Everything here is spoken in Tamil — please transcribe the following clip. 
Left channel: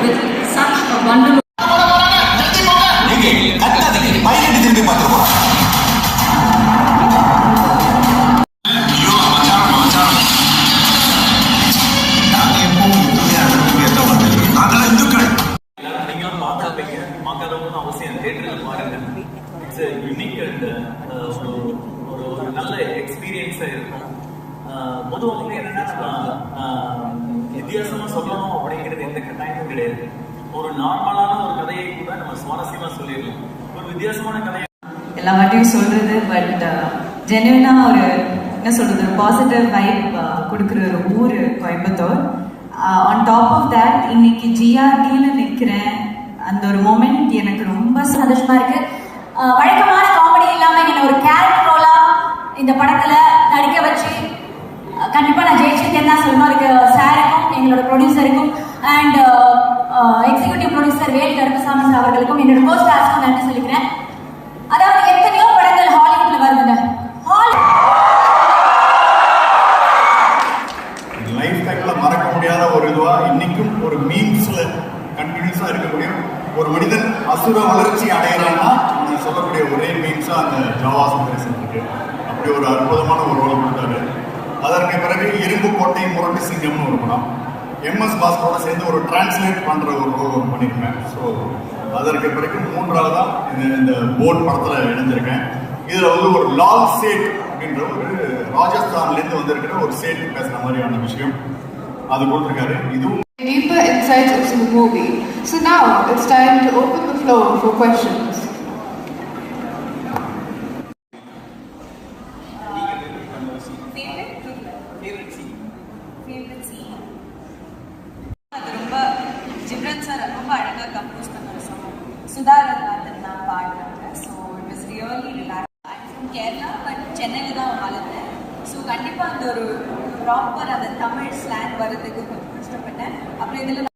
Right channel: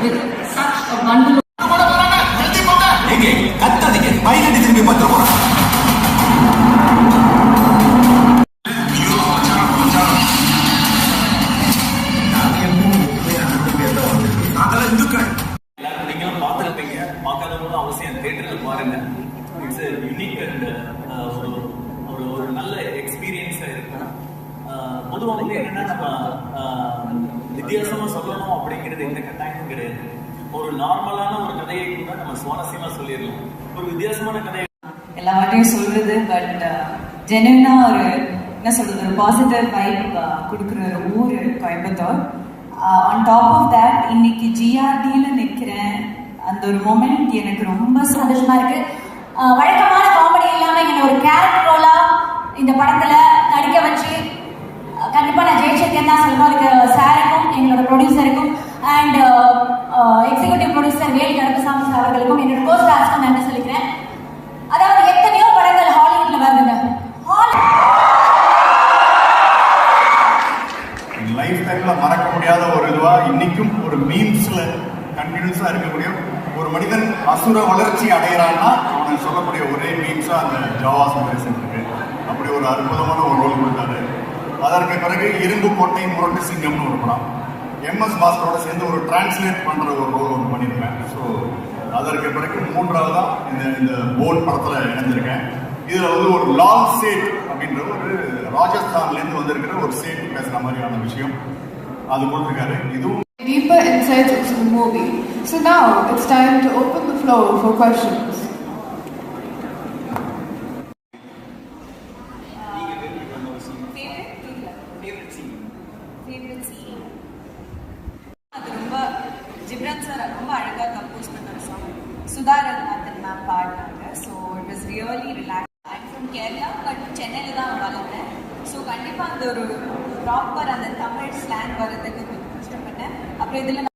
with such a bundle of மச்சான் அவசியம் தேட்டரில் பாருங்க இட்ஸ் யூனிக் அண்ட் ஒரு ஒரு நல்ல எக்ஸ்பீரியன்ஸாக இருக்கும். பொதுவாக வந்து என்னன்னா நம்ம ஆஹ், வித்தியாசமா சொல்லணும் அப்படிங்கிறது எந்த கட்டாயமும் கிடையாது. ஒரு நார்மலான ஒரு கதையை கூட நம்ம சுவாரஸ்யமா சொல்லிடலாம். ஒரு வித்தியாசமான கதையை எல்லா வாட்டியும் சொல்றது பட் ஜெனுவனா ஒரு என்ன சொல்றது ஒரு பாசிட்டிவ் வைப் கொடுக்குற ஒரு ஊர் Coimbatore. On top of that இன்னைக்கு ஜிஆர்டியில் நிற்கிறேன் அந்த ஒரு மொமெண்ட் எனக்கு ரொம்ப சந்தோஷமா இருக்கு. வழக்கமான காமெடி இல்லாம என்ன ஒரு கேரக்டர் ரோலா இந்த படத்துல நடிக்க வச்சு கண்டிப்பா நான் ஜெயிச்சிருக்கேன் தான் சொல்லணும். இருக்கு ப்ரொடியூசருக்கும் and executive producer Velu Karuppasamy அவர்களுக்கும் என்னோட கோ நான் நன்றி சொல்லிக்கிறேன்? அதாவது எத்தனையோ படங்கள் ஹாலிவுட்ல வருதுங்க. ஹாலி லைஃப் டைம்ல மறக்க முடியாத ஒரு இதுவா இன்னைக்கும் ஒரு மீம்ஸ்ல கண்டினியூஸா இருக்கக்கூடிய ஒரு மனிதன் அசுர வளர்ச்சி அடைகிறான்னா அவனை சொல்லக்கூடிய ஒரே மீம்ஸா அந்த ஜாவாசம் பேசுறது அப்படி ஒரு அற்புதமான ஒரு ரோல் கொடுத்தாரு. அதற்கு பிறகு இரும்பு கோட்டை முரட்டு சிங்கம்னு ஒரு படம். எம்எஸ் பாஸ்கரோட சேர்ந்து ஒரு டிரான்ஸ்லேட் பண்ற ஒரு ரோல் ஒன்று பண்ணியிருக்கேன் ஸோ அதற்கு பிறகு மூன்றாவதா இந்த இந்த போர்ட் படத்துல இணைஞ்சிருக்கேன். இதுல வந்து ஒரு லால் சேட் அப்படின்ற ஒரு ராஜஸ்தான்ல இருந்து வந்திருக்கிற ஒரு சேட் பேசுற மாதிரியான விஷயம். அது கொடுத்திருக்காரு. இதுவும் deeper insights into the movie. So now it's time to open the floor for questions. Favourite scene அது ரொம்ப ஜிப்ரன் சார் ரொம்ப அழகாக கம்போஸ் பண்ண சாங் சுதாரன் மேம் பாடினாங்க so it really relax from Kerala but சென்னையில் தான் வளர்ந்தேன் ஸோ கண்டிப்பாக அந்த ஒரு ப்ராப்பர் அந்த தமிழ் ஸ்லாங் வர்றதுக்கு கொஞ்சம் கஷ்டப்பட்டேன். அப்புறம் இதில்